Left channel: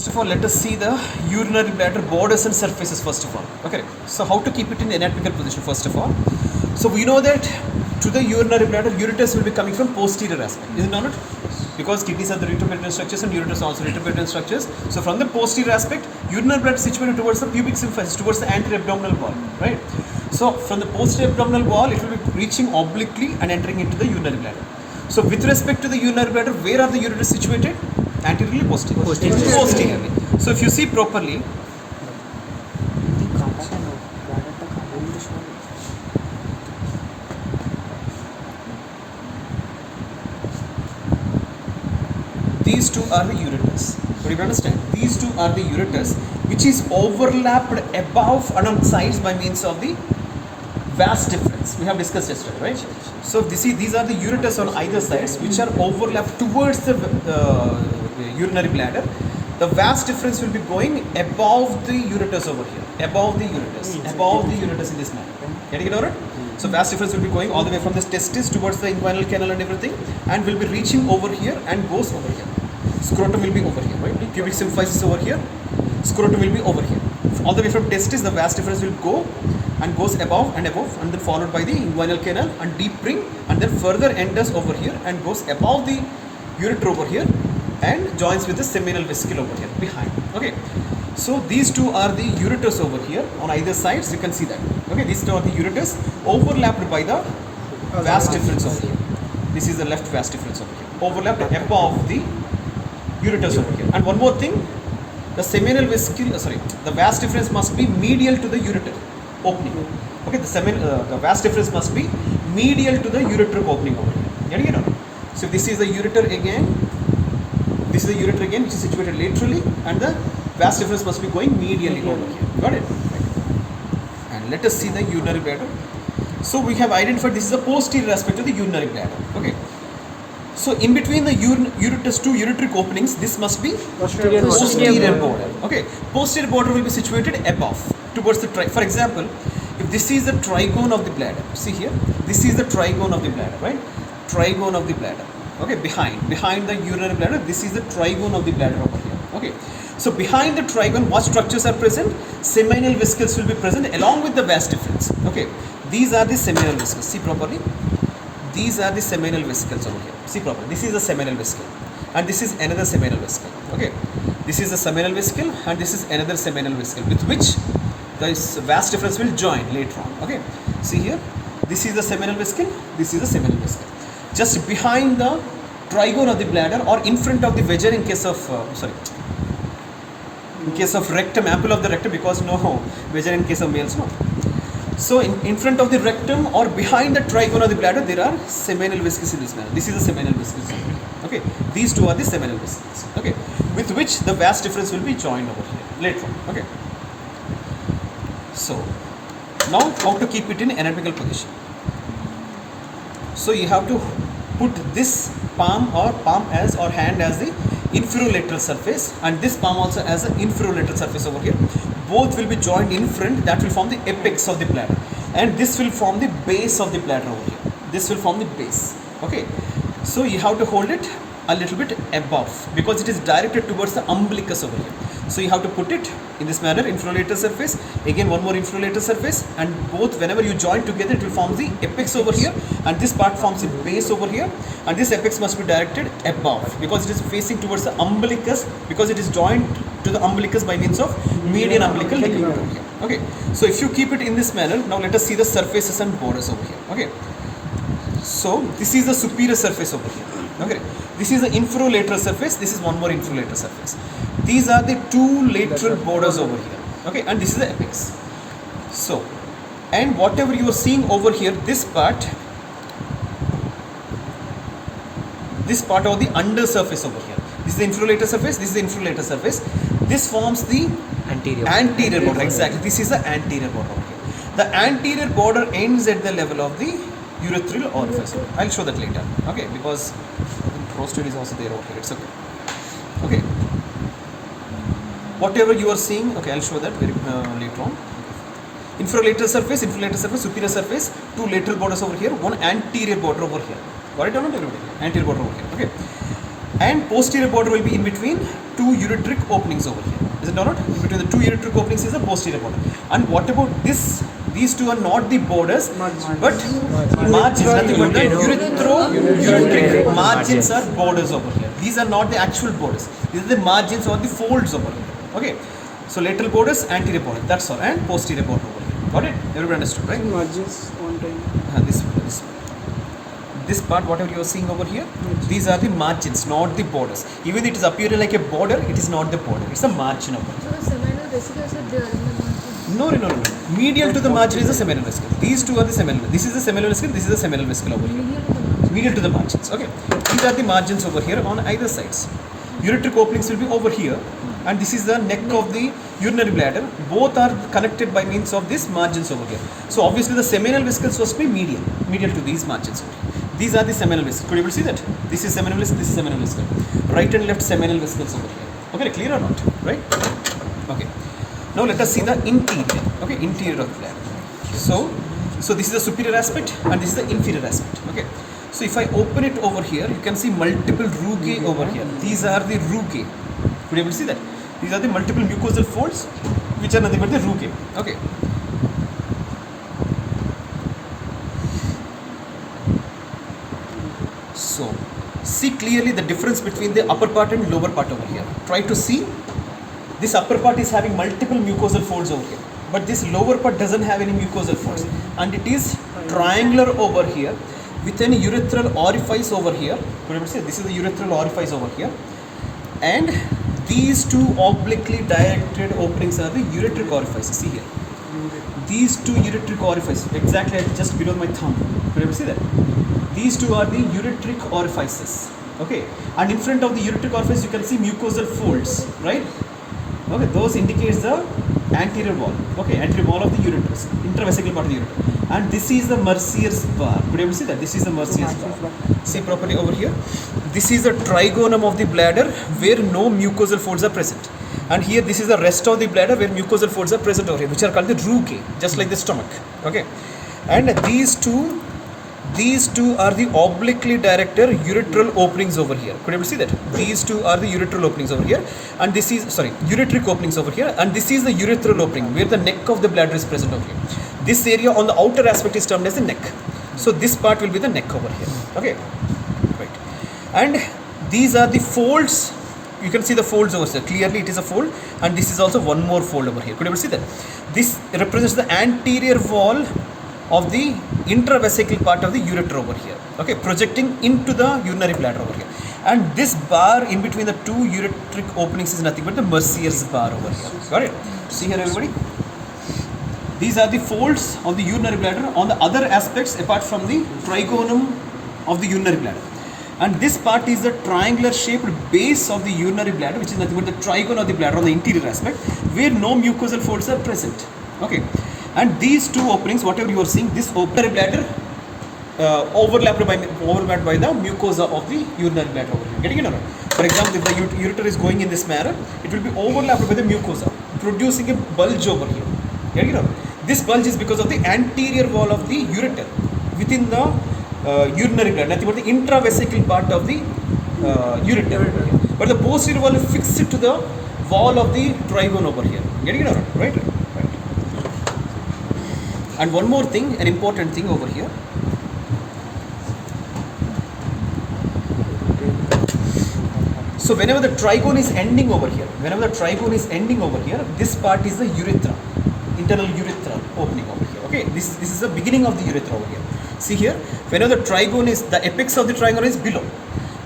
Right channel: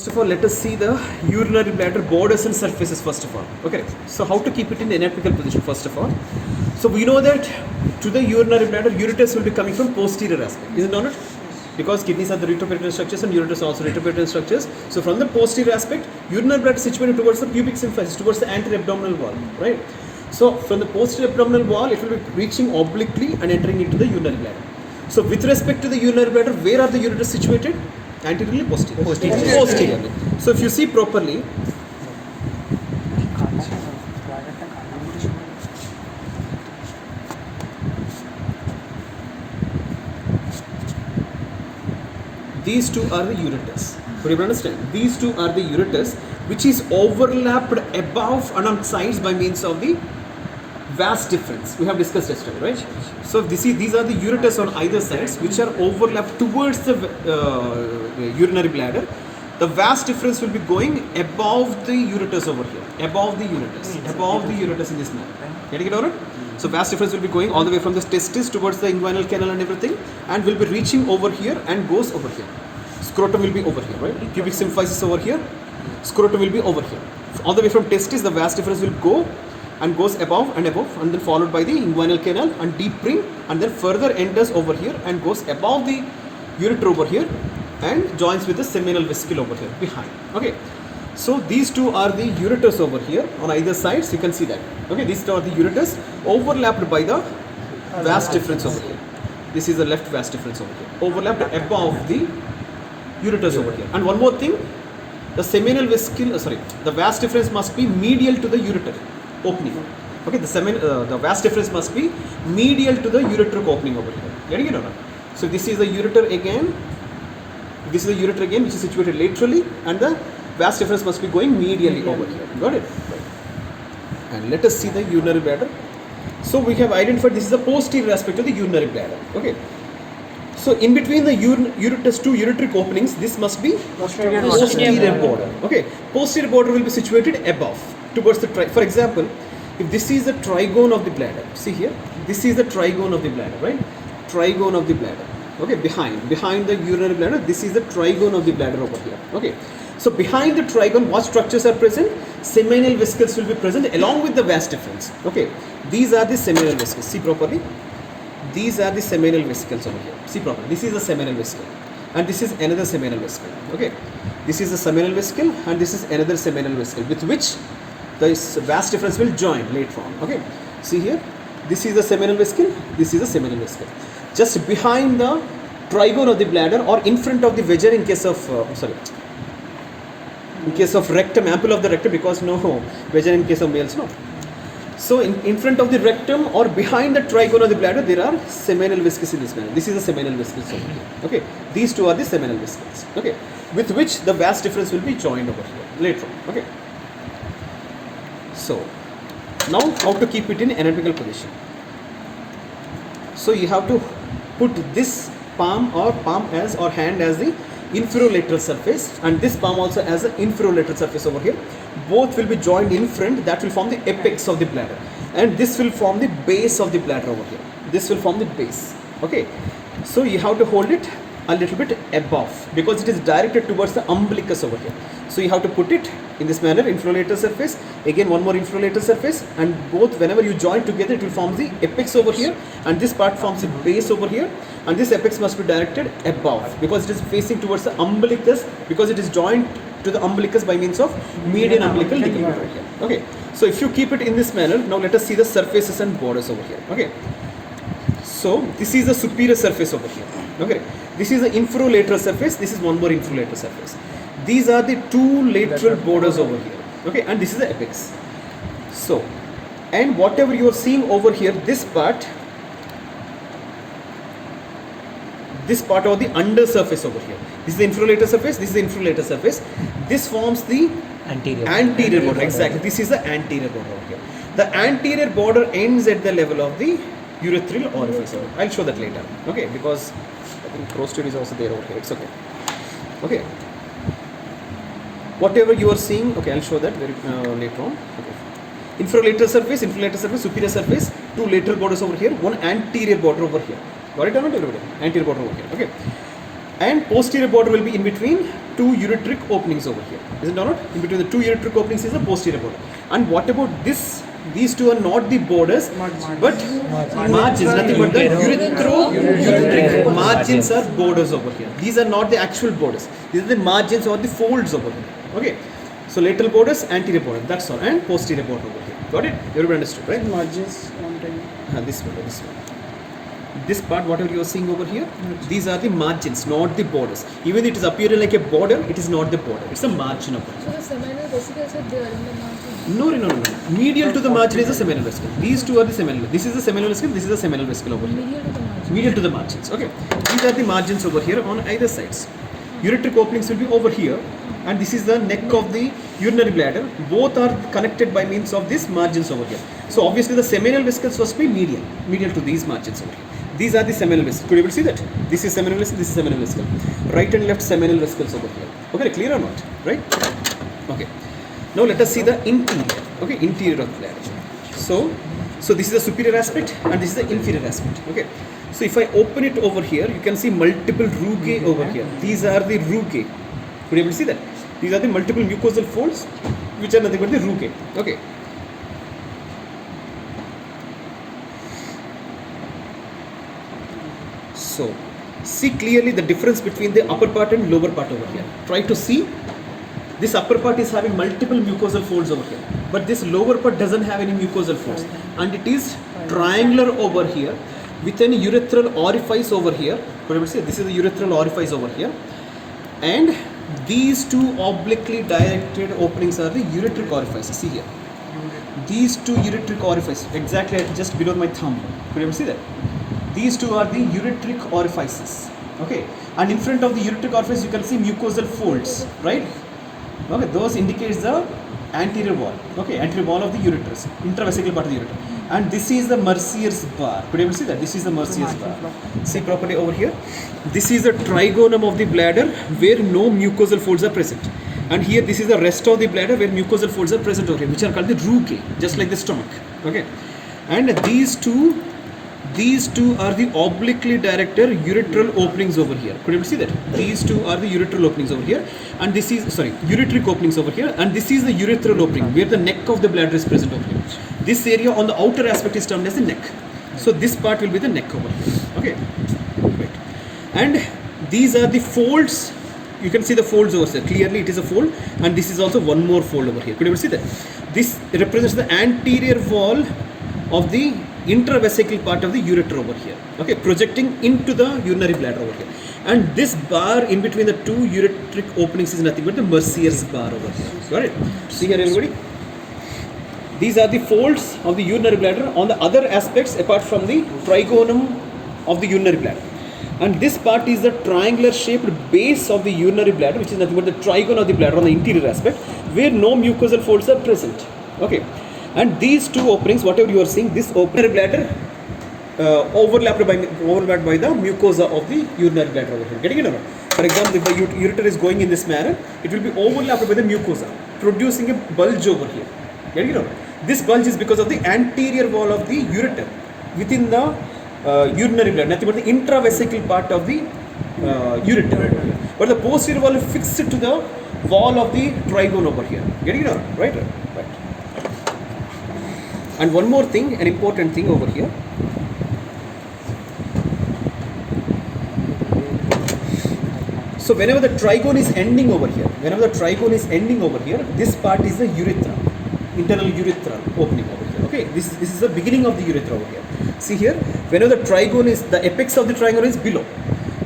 First of all, let us see the urinary bladder borders and surfaces first of all. Okay, so how to keep it in anatomical position first of all. So we know that to the urinary bladder, ureters will be coming from posterior aspect, is it not? Because kidneys are the retroperitoneal structures and ureters are also retroperitoneal structures. So from the posterior aspect, urinary bladder is situated towards the pubic symphysis, towards the anterior abdominal wall, right? So from the posterior abdominal wall, it will be reaching obliquely and entering into the urinary bladder. So with respect to the urinary bladder, where are the ureters situated? Anteriorly, posteriorly. So if you see properly, these two are the ureters. But you understand, these two are the ureters which is overlapped above and on sides by means of the vas deferens. We have discussed yesterday, right? So these are the ureters on either sides which are overlapped towards the urinary bladder. The vas deferens will be going above the ureters over here, above the ureters in this manner. Getting it over it? So vas deferens will be going all the way from the testis towards the inguinal canal and everything, and will be reaching over here and goes over here. Scrotum will be over here, right? Pubic symphysis over here, scrotum will be over here. All the way from testis, the vas deferens will go and goes above, and then followed by the inguinal canal and deep ring, and then further enters over here and goes above the ureter over here and joins with the seminal vesicle over here behind. Okay, so these two are the ureters over here on either sides. You can see that. Okay, these two are the ureters overlapped by the vas deferens over here. This is the left vas deferens over here, overlapped above the ureters over here. And one more thing, the seminal vesicle, the vas deferens must be medial to the ureter opening. Okay, the vas deferens must be medial to the ureter opening over here. Getting it or? So this is the ureter again. This is the ureter again, which is situated laterally, and the vas deferens must be going medially over here. Got it? And let us see the urinary bladder. So we have identified this is the posterior aspect of the urinary bladder. Okay. So in between the ureters, two ureteric openings, this must be posterior border. Okay. Posterior border will be situated above towards the for example, if this is the trigone of the bladder, see here, this is the trigone of the bladder, right? Trigone of the bladder. Okay, behind the urinary bladder, this is the trigone of the bladder over here. Okay, so behind the trigone, what structures are present? Seminal vesicles will be present along with the vas deferens. Okay, these are the seminal vesicles. See properly. These are the seminal vesicles over here. See properly. This is the seminal vesicle, and this is another seminal vesicle. Okay, this is the seminal vesicle, and this is another seminal vesicle with which the vas deferens will join later on. Okay, see here. This is the seminal vesicle. This is the seminal vesicle. Just behind the trigone of the bladder, or in front of the vagina in case of in case of rectum, ample of the rectum, because no vagina in case of males, no. So in front of the rectum or behind the trigone of the bladder, there are seminal vesicles in this manner. This is the seminal vesicles. Okay, these two are the seminal vesicles. Okay, with which the vas deferens will be joined over here later on. Okay. So now how to keep it in anatomical position. So you have to put this palm or hand as the inferolateral surface, and this palm also as an inferolateral surface over here. Both will be joined in front, that will form the apex of the bladder, and this will form the base of the bladder over here. This will form the base. Okay, so you have to hold it a little bit above because it is directed towards the umbilicus over here. So you have to put it in this manner, inferolateral surface, again one more inferolateral surface, and both whenever you join together it will form the apex over here, and this part forms the base over here, and this apex must be directed above because it is facing towards the umbilicus, because it is joined to the umbilicus by means of median umbilical ligament. Okay, so if you keep it in this manner, now let us see the surfaces and borders over here. Okay, so this is the superior surface over here. Okay, this is the inferolateral surface, this is one more inferolateral surface. These are the two lateral borders over here. Okay, and this is the apex. So, and whatever you are seeing over here, this part of the under surface over here. This is the inferolateral surface, this is the inferolateral surface. This forms the anterior border. Exactly, this is the anterior border over here. The anterior border ends at the level of the urethral orifice. I'll show that later. Okay, because I think prostate is also there. Okay, it's okay. Okay. Whatever you are seeing, okay, I'll show that very later on. Okay. Inferolateral surface, superior surface, two lateral borders over here, one anterior border over here. Got it or not? Anterior border over here. Okay. And posterior border will be in between two ureteric openings over here. Is it or not? In between the two ureteric openings is the posterior border. And what about this? These two are not the borders, but margins. Nothing but the ureteric margins are borders over here. These are not the actual borders. These are the margins or the folds over here. Okay. So lateral borders, anterior border. That's all. And posterior border over here. Got it? Everybody understood, right? Margins one time. This one. This part, whatever you are seeing over here, these are the margins, not the borders. Even it is appearing like a border, it is not the border. It's a margin of it. So the seminal vesicles are there in the margin? No. Medial to the margin is the seminal vesicle. These two are the seminal. This is the seminal vesicle, this is the seminal vesicle over here. Medial to the margin? Medial to the margins. Okay. These are the margins over here on either sides. Ureteric openings will be over here. And this is the neck of the urinary bladder. Both are connected by means of these margins over here. So obviously the seminal vesicles must be medial to these margins over here. These are the seminal vesicles. Could you able to see that? This is seminal vesicle, this is seminal vesicle. Right and left seminal vesicles over here. Okay, clear or not? Right? Okay. Now let us see the interior. Okay, interior of the bladder. So this is the superior aspect and this is the inferior aspect. Okay. So if I open it over here, you can see multiple rugae over here. These are the rugae. Could you able to see that? These are the multiple mucosal folds, which are nothing but the rugae. Okay. So, see clearly the difference between the upper part and lower part over here. Try to see. This upper part is having multiple mucosal folds over here, but this lower part doesn't have any mucosal folds, and it is triangular over here with an urethral orifice over here. What I would say, this is the urethral orifice over here, and these two obliquely directed openings are the ureteric orifices. See here. These two ureteric orifices, exactly just below my thumb. Could you ever see that? These two are the ureteric orifices. Okay, and in front of the ureteric orifice, you can see mucosal folds, right? Okay, those indicates the anterior wall. Okay, anterior wall of the ureterus, intravesical part of the ureter. And this is the Mercier's bar. Could you ever see that? This is the Mercier's bar. See properly over here. This is the trigonum of the bladder where no mucosal folds are present. And here this is the rest of the bladder where mucosal folds are present over here, which are called the rugae, just like the stomach. Okay, and these two are the obliquely directed ureteral openings over here. Could you see that? These two are the ureteral openings over here, and this is ureteric openings over here, and this is the urethral opening where the neck of the bladder is present over here. This area on the outer aspect is termed as the neck. So this part will be the neck over here. Okay, right. And these are the folds. You can see the folds over here. Clearly it is a fold, and this is also one more fold over here. Could you ever see that? This represents the anterior wall of the intravesical part of the ureter over here. Okay, projecting into the urinary bladder over here. And this bar in between the two ureteric openings is nothing but the Mercier's bar over here. Got it? See here, everybody. These are the folds of the urinary bladder on the other aspects apart from the trigonum of the urinary bladder. And this part is the triangular shaped base of the urinary bladder, which is nothing but the trigone of the bladder on the interior aspect, where no mucosal folds are present. Okay, and these two openings, whatever you are seeing, this urinary bladder overlapped by the mucosa of the urinary bladder over here. Getting it or not? For example, if the ureter is going in this manner, it will be overlapped by the mucosa, producing a bulge over here. Getting it or not? This bulge is because of the anterior wall of the ureter within the urinary bladder, nothing but the intravesical part of the ureter. But the posterior wall is fixed to the wall of the trigone over here. Getting it out? Right? Right. And one more thing, an important thing over here. So whenever the trigone is ending over here, this part is the urethra, internal urethra opening over here. Okay, this is the beginning of the urethra over here. See here, whenever the trigone is, the apex of the trigone is below.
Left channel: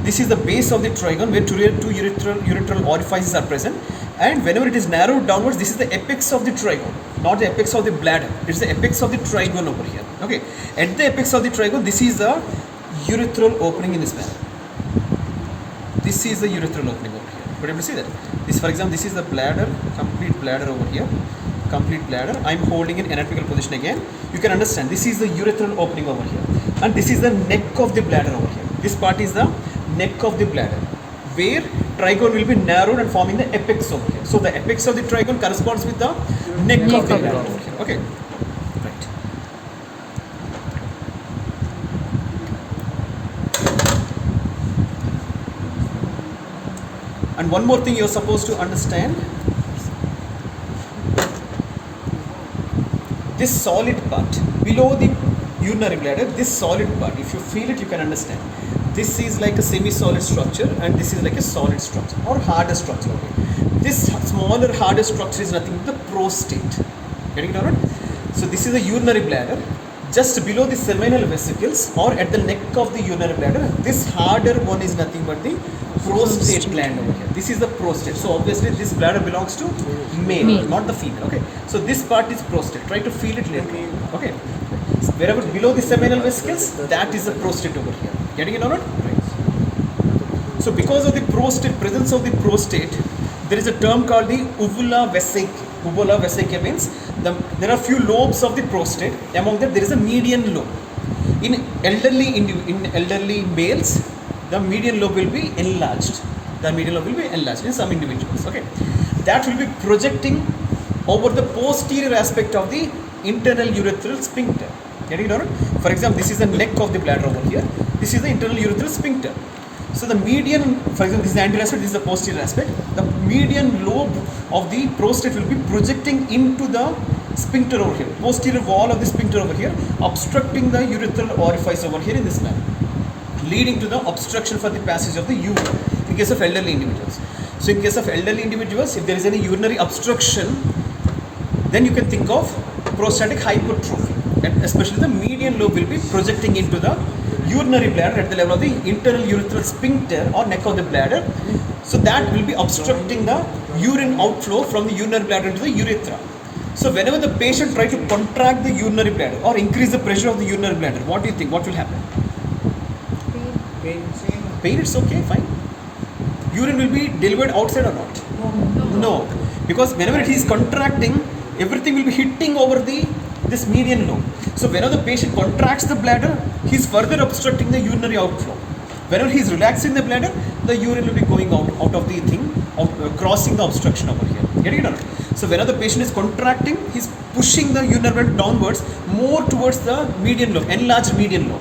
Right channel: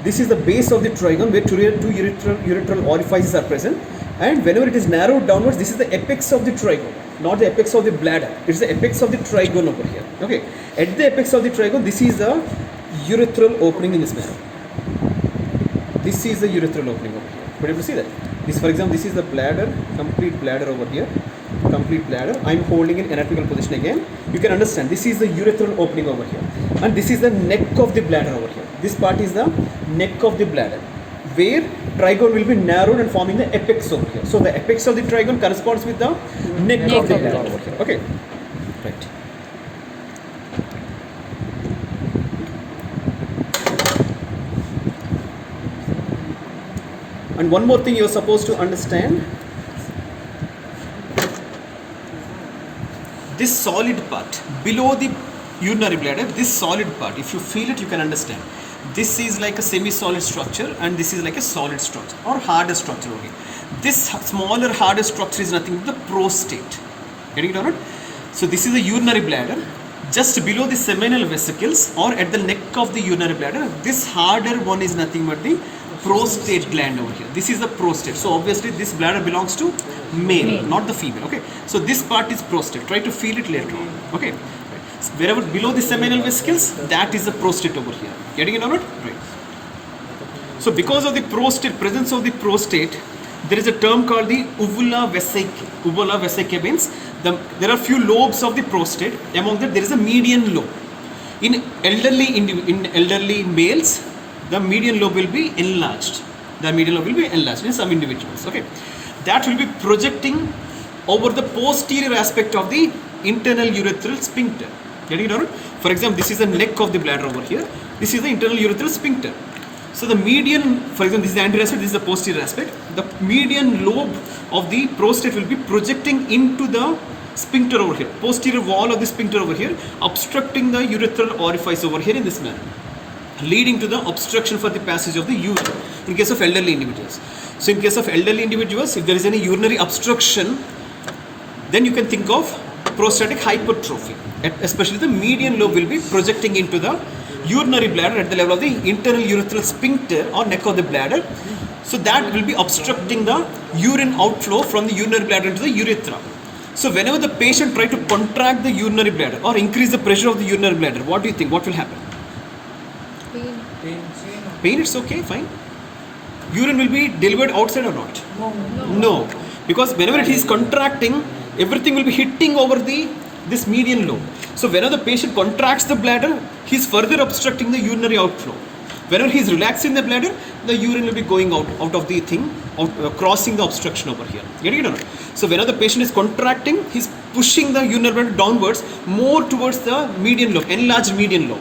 This is the base of the trigone where two urethral orifices are present. And whenever it is narrowed downwards, this is the apex of the trigone, not the apex of the bladder. It is the apex of the trigone over here. Okay, at the apex of the trigone, this is the urethral opening in this manner. This is the urethral opening over here. Could you see that? This, for example, this is the bladder, complete bladder over here. Complete bladder. I am holding in anatomical position again. You can understand this is the urethral opening over here, and this is the neck of the bladder over here. This part is the neck of the bladder, where trigone will be narrowed and forming the apex over here. So the apex of the trigone corresponds with the neck of the bladder over here. Okay, right. And one more thing you're supposed to understand. This solid part below the urinary bladder, this solid part, if you feel it, you can understand. This is like a semi-solid structure and this is like a solid structure or harder structure. Okay. This smaller, harder structure is nothing but the prostate. Getting it or not? So this is the urinary bladder. Just below the seminal vesicles or at the neck of the urinary bladder, this harder one is nothing but the prostate gland over here. This is the prostate. So obviously this bladder belongs to male, not the female. Okay. So this part is prostate. Try to feel it later on. Okay. So wherever below the seminal vesicles, that is the prostate over here. Getting it or not? Right. So because of the prostate, presence of the prostate, there is a term called the uvula vesicae. Uvula vesicae means there are few lobes of the prostate. Among them, there is a median lobe. In elderly males, the median lobe will be enlarged. The median lobe will be enlarged in some individuals. Okay, that will be projecting over the posterior aspect of the internal urethral sphincter. Getting it or not? For example, this is the neck of the bladder over here. This is the internal urethral sphincter. So the median, for example, this is the anterior aspect, this is the posterior aspect. The median lobe of the prostate will be projecting into the sphincter over here, posterior wall of the sphincter over here, obstructing the urethral orifice over here in this manner, leading to the obstruction for the passage of the urine in case of elderly individuals. So in case of elderly individuals, if there is any urinary obstruction, then you can think of prostatic hypertrophy, and especially the median lobe will be projecting into the urinary bladder at the level of the internal urethral sphincter or neck of the bladder. So that will be obstructing the urine outflow from the urinary bladder into the urethra. So whenever the patient try to contract the urinary bladder or increase the pressure of the urinary bladder, what do you think? What will happen? Pain, it's okay, fine. Urine will be delivered outside or not? No. Because whenever it is contracting, everything will be hitting over this median lobe. So whenever the patient contracts the bladder, he is further obstructing the urinary outflow. Whenever he is relaxing the bladder, the urine will be going out of the thing, crossing the obstruction over here. Getting it or not? So whenever the patient is contracting, he is pushing the urinary bladder downwards more towards the median lobe, enlarged median lobe.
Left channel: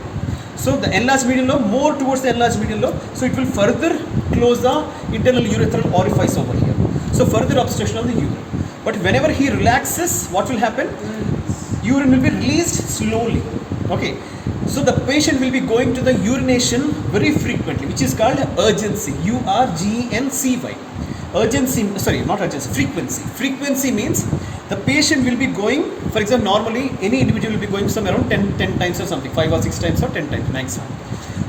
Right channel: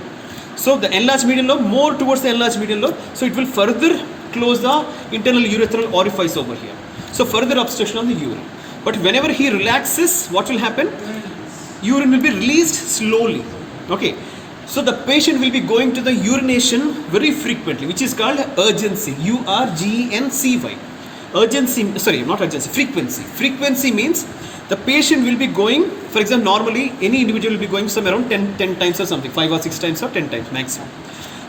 So the enlarged median lobe more towards the enlarged median lobe, so it will further close the internal urethral orifice over here. So further obstruction on the urine. But whenever he relaxes, what will happen? Urine will be released slowly. Okay. So the patient will be going to the urination very frequently, which is called urgency. URGNCY. Urgency, sorry, not urgency, frequency. Frequency means the patient will be going, for example, normally any individual will be going somewhere around 10 times or something, 5 or 6 times or 10 times maximum.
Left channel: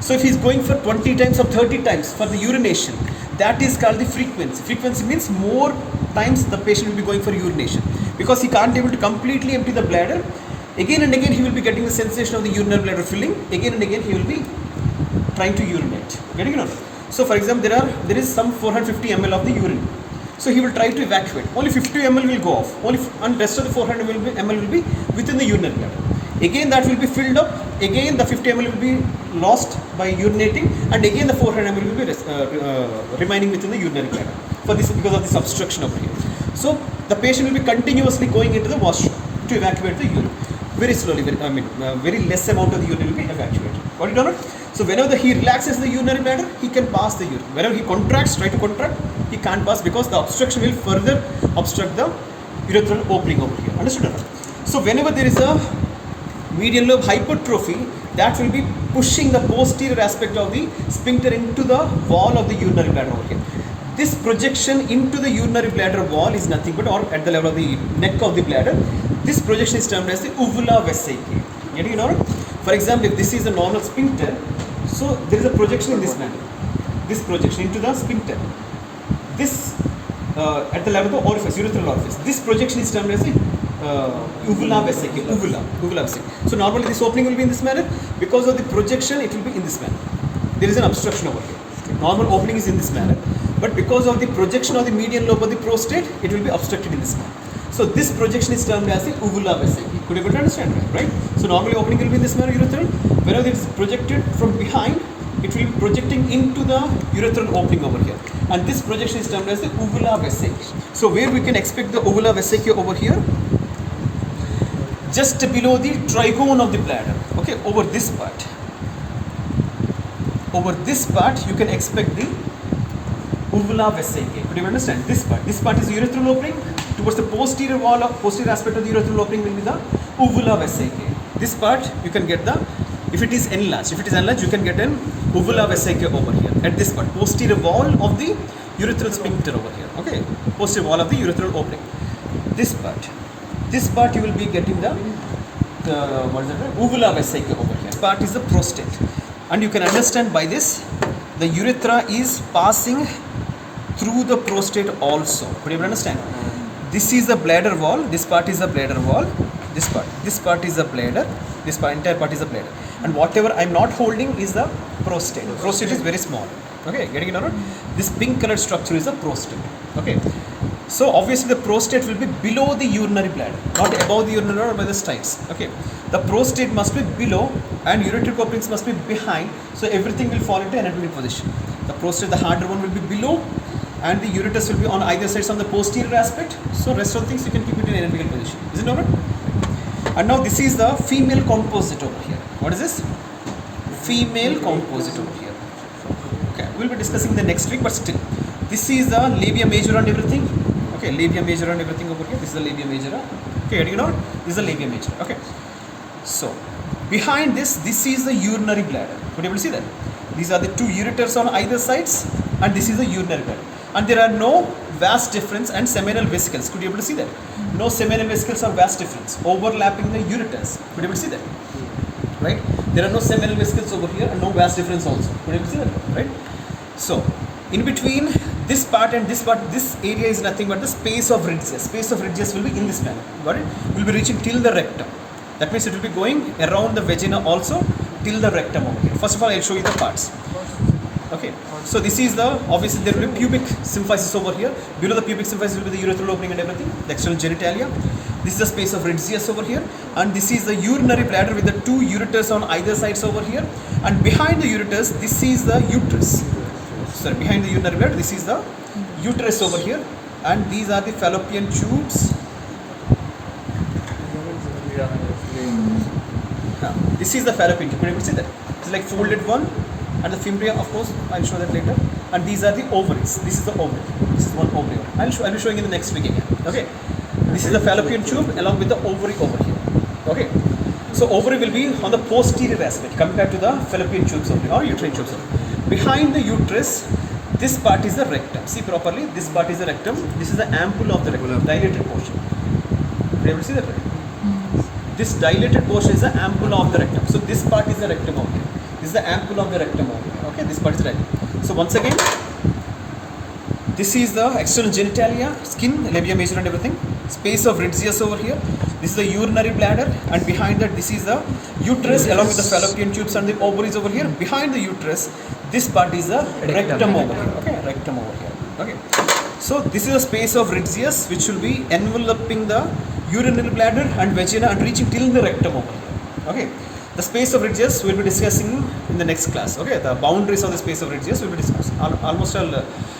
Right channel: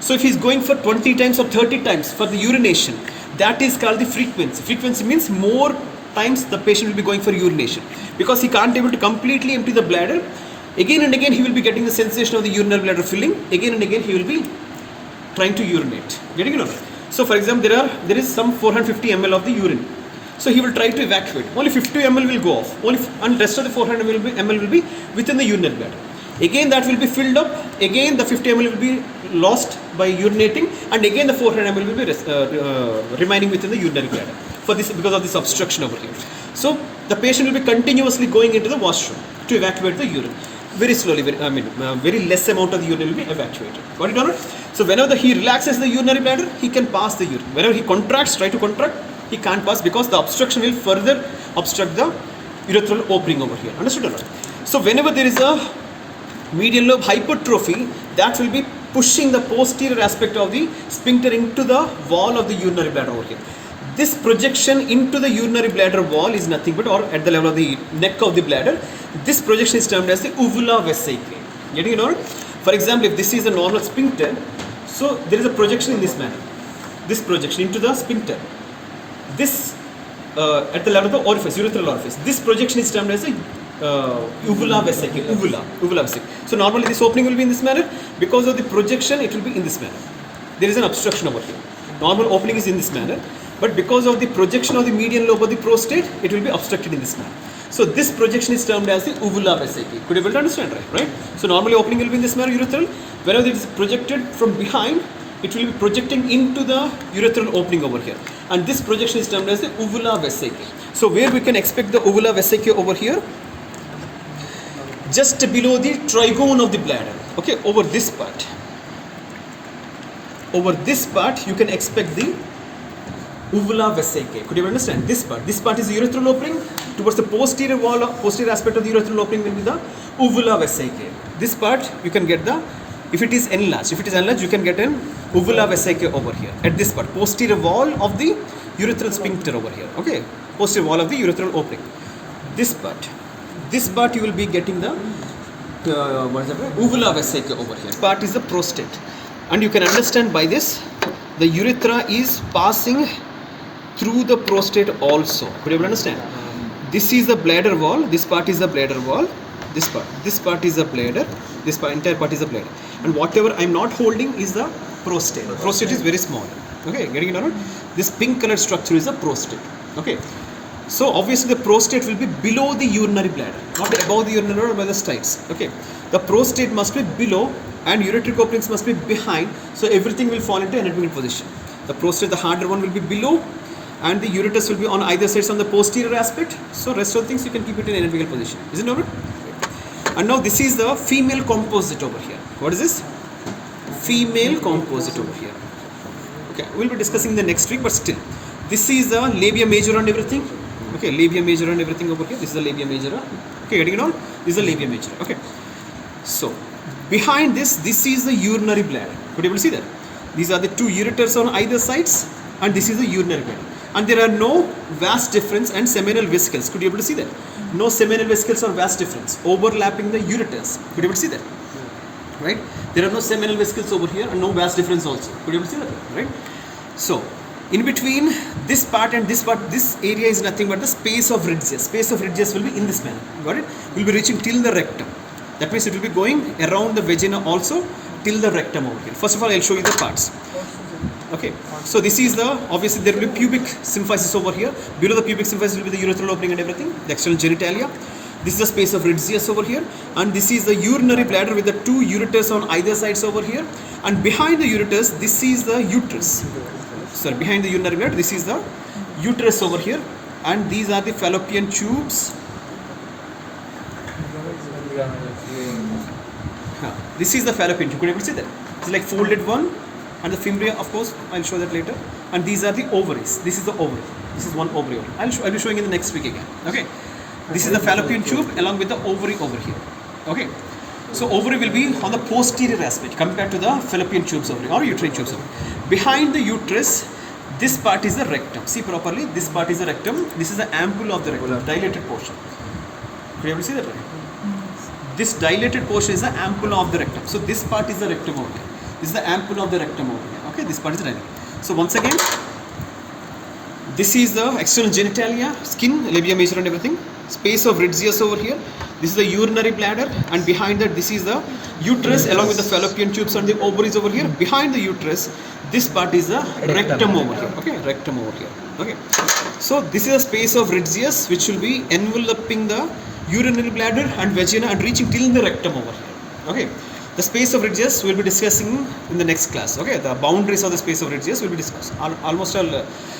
So if he is going for 20 times or 30 times for the urination, that is called the frequency. Frequency means more times the patient will be going for urination, because he can't be able to completely empty the bladder. Again and again he will be getting the sensation of the urinary bladder filling. Again and again he will be trying to urinate. Getting it? So for example, there is some 450 ml of the urine. So he will try to evacuate. Only 50 ml will go off. And rest of the 400 ml will be within the urinary bladder. Again that will be filled up. Again the 50 ml will be lost by urinating, and again the 400 ml will be remaining within the urinary bladder because of this obstruction over here. So the patient will be continuously going into the washroom to evacuate the urine. Very slowly, very less amount of the urine will be evacuated. Got it or not? So whenever he relaxes the urinary bladder, he can pass the urine. Whenever he contracts, try to contract, he can't pass, because the obstruction will further obstruct the urethral opening over here. Understood or not? So whenever there is a median lobe hypertrophy, that will be pushing the posterior aspect of the sphincter into the wall of the urinary bladder over here. This projection into the urinary bladder wall is nothing but, or at the level of the neck of the bladder, this projection is termed as the uvula vesicae. Getting it or not? For example, if this is the normal sphincter, so there is a projection in this manner. This projection into the sphincter. This at the level of the orifice, urethral orifice. This projection is termed as the uvula vesicae. Uvula vesicae. So normally this opening will be in this manner. Because of the projection, it will be in this manner. There is an obstruction over here. Normal opening is in this manner, but because of the projection of the median lobe of the prostate, it will be obstructed in this manner. So this projection is termed as the uvula vesicae. Could you able to understand, right? So normally opening will be in this manner, urethral. Whenever it is projected from behind, it will be projecting into the urethral opening over here. And this projection is termed as the uvula vesicae. So where we can expect the uvula vesicae over here? Just below the trigone of the bladder. Okay, over this part. Over this part, you can expect the uvula vesicae. Could you understand this part? This part is the urethral opening. Towards the posterior wall, posterior aspect of the urethral opening will be the uvula vesicae. This part you can get the, if it is enlarged, you can get an uvula vesicae over here. At this part, posterior wall of the urethral sphincter over here. Okay, posterior wall of the urethral opening. This part you will be getting the what is it? Uvula vesicae over here. This part is the prostate, and you can understand by this the urethra is passing through the prostate also. Could you understand? This is the bladder wall. This part is the bladder wall. This part is the bladder. This part, entire part is the bladder. And whatever I'm not holding is the prostate. Prostate is very small. Okay, getting it or not? This pink colored structure is the prostate. Okay. So obviously the prostate will be below the urinary bladder, not above the urinary or by the styles. Okay. The prostate must be below and ureteric openings must be behind. So everything will fall into anatomical position. The prostate, the harder one, will be below, and the ureter will be on either sides on the posterior aspect. So rest of the things you can keep it in anatomical position. Isn't it? And now this is the female composite over here. What is this? Female composite over here. Okay, we'll be discussing the next week, but still, this is the labia majora and everything. Okay, labia majora and everything over here. This is the labia majora. Okay, getting it out? This is the labia majora. Okay. So behind this is the urinary bladder. Could you able to see that? These are the two ureters on either sides, and this is the urinary bladder. And there are no vas deferens and seminal vesicles. Could you able to see that? No seminal vesicles or vas deferens overlapping the ureters. Could you able to see that? Right? There are no seminal vesicles over here and no vas deferens also. Could you able to see that? Right? So in between this part and this part, this area is nothing but the space of Ridges. Space of Ridges will be in this manner. Got it? Will be reaching till the rectum. That means it will be going around the vagina also till the rectum over here. First of all, I'll show you the parts. Okay, so this is the, obviously there will be pubic symphysis over here. Below the pubic symphysis will be the urethral opening and everything, the external genitalia. This is the space of Ridges over here, and this is the urinary bladder with the two ureters on either sides over here. And behind the ureters, this is the uterus. Sorry, behind the urinary bladder, this is the uterus over here, and these are the fallopian tubes. This is the fallopian tube. Could you see that? It's like folded one, and the fimbriae, of course, I'll show that later. And these are the ovaries. This is the ovary. This is one ovary. I'll be showing in the next week again. Okay. This is the fallopian tube along with the ovary over here. Okay. So ovary will be on the posterior aspect compared to the fallopian tubes ovary or uterine tubes. Behind the uterus, this part is the rectum. See properly. This part is the rectum. This is the ampulla of the rectum, dilated portion. Are you able to see that? Right? This dilated portion is the ampulla of the rectum. So this part is the rectum over here. This is the ampulla of the rectum over here. Okay, this part is the rectum. So once again, this is the external genitalia, skin, labia majora and everything. Space of Ridges over here. This is the urinary bladder, and behind that this is the uterus along with the fallopian tubes and the ovaries over here. Behind the uterus, this part is the rectum over here. Okay, rectum over here. Okay. So this is the space of Ridges which will be enveloping the urinary bladder and vagina and reaching till the rectum over here. Okay. The space of Ridges we will be discussing in the next class. Okay. The boundaries of the space of Ridges will be discussed. Almost all,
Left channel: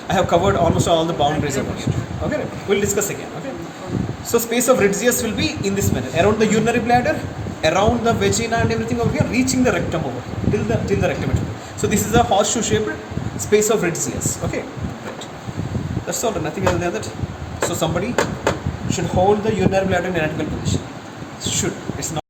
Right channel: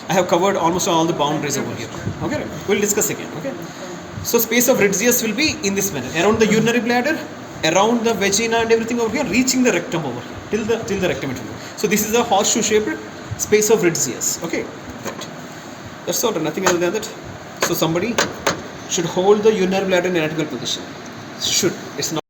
I have covered almost all the boundaries over here. Okay. We will discuss again. Okay. So space of Ridges will be in this manner, around the urinary bladder, around the vagina and everything over here, reaching the rectum over here, till the rectum. So this is a horseshoe shaped space of Ridges. Okay. Right. That's all. Nothing other than that. So somebody should hold the urinary bladder in anatomical position. Should. It's not.